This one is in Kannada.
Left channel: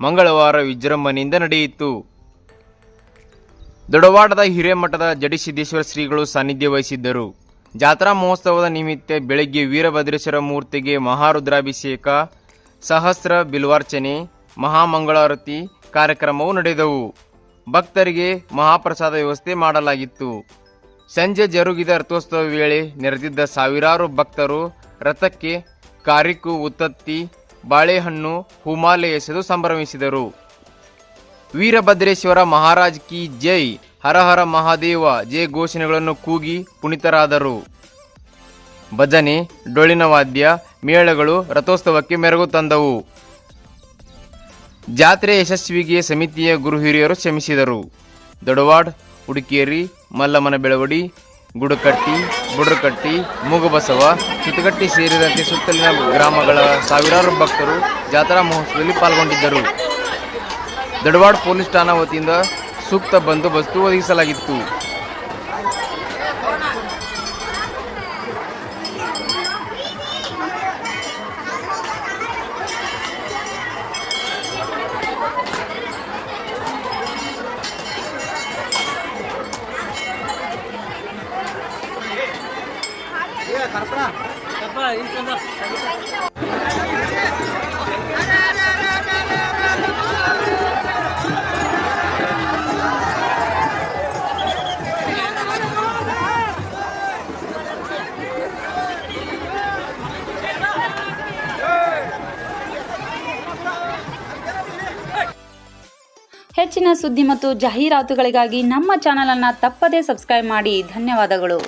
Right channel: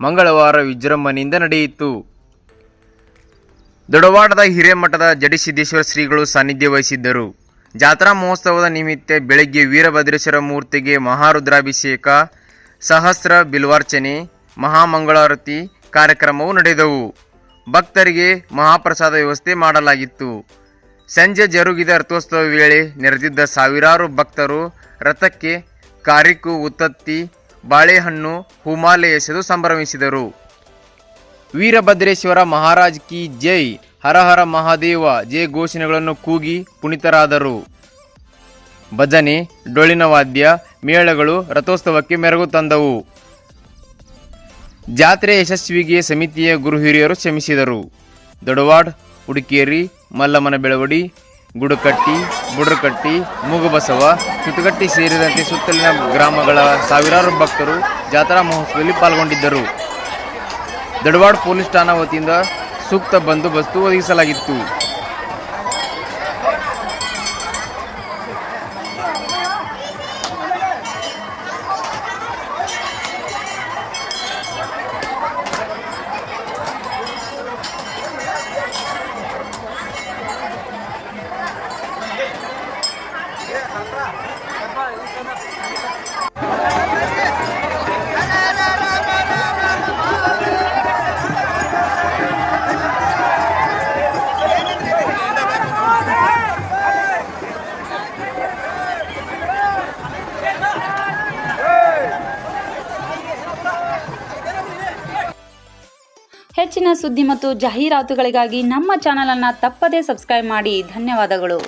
ಮಂಗಳವಾರ ವಿಜೃಂಭಣೆಯಿಂದ ನಡೆಯಿತು. ದೊಡವಾಡದ ಹಿರೇಮಠದ ಜಡಿಸಿದ್ದೇಶ್ವರ ಶ್ರೀಗಳು ಸಾನ್ನಿಧ್ಯ ವಹಿಸಿದ್ದರು. ಜಾತ್ರಾ ಮಹೋತ್ಸವದ ನಿಮಿತ್ತ ಬೆಳಗ್ಗೆ ವೀರಭದ್ರೇಶ್ವರ ಮೂರ್ತಿಗೆ ಮಹಾರುದ್ರಾಭಿಷೇಕ, ಸಹಸ್ರ ಬಿಲ್ವಾರ್ಚನೆ, ಮಹಾಮಂಗಳಾರತಿ ಕಾರ್ಯಕ್ರಮವು ನಡೆದವು. ಭಕ್ತರಿಗೆ ಮಹಾಪ್ರಸಾದ ವ್ಯವಸ್ಥೆ ಮಾಡಲಾಗಿತ್ತು. ಸಂಜೆ ಜರುಗಿದ ರಥೋತ್ಸವ ವೇಳೆ ನೆರೆದಿದ್ದ ಸಾವಿರಾರು ಭಕ್ತರು ರಥಕ್ಕೆ ಕಾರಿಕು, ಉತ್ತತ್ತಿ, ಬಾಳೆಹಣ್ಣು, ಹೂಮಾಲೆ ಎಸೆದು ಸಂಭ್ರಮಿಸಿದರು. ವೀರಭದ್ರೇಶ್ವರ ಮಹಾರಾಜ್ ಕಿ ಜೈ, ಹರ ಹರ ಮಹಾದೇವ ಜಯ ಘೋಷಣೆಗಳನ್ನು ಕೂಗಿ ಪುನೀತರಾದರು. ಭಜನೆ, ಡೊಳ್ಳಿನ ವಾದ್ಯ ಮೇಳಗಳು ರಥೋತ್ಸವಕ್ಕೆ ಮೆರುಗು ತಂದವು. ಜಾತ್ರೆ ಯಶಸ್ವಿಗೆ ಸಮಿತಿಯ ಗುರು ಹಿರಿಯರು ಶ್ರಮಿಸಿದರು. ದೊಡವಾಡ್, ಹುಡುಕೇರಿ, ಮಲ್ಲಮ್ಮನ ಬೆಳವಡಿ, ಗುಡಕಟ್ಟಿ, ಬುಡ್ರಕಟ್ಟಿ, ಮೂಗಬಸವ, ಸುತ್ತಗಟ್ಟಿ ಸೇರಿದಂತೆ ಸುತ್ತಲಿನ ಗ್ರಾಮಗಳ ಸಾವಿರಾರು ಭಕ್ತರು ಜಾತ್ರಾ ಮಹೋತ್ಸವದಲ್ಲಿ ಪಾಲ್ಗೊಂಡಿದ್ದರು. ದೊಡವಾಡ್ ಪೊಲೀಸ್ ಠಾಣಾ ವತಿಯಿಂದ ಸೂಕ್ತ ಬಂದೋಬಸ್ತು ಒದಗಿಸಲಾಗಿತ್ತು. ಹೆಚ್ಚಿನ ಸುದ್ದಿ ಮತ್ತು ಜಾಹೀರಾತುಗಳಿಗಾಗಿ ನಮ್ಮ ಚಾನಲ್ ಅನ್ನು ತಪ್ಪದೇ ಸಬ್ಸ್ಕ್ರೈಬ್ ಮಾಡಿ. ಧನ್ಯವಾದಗಳು.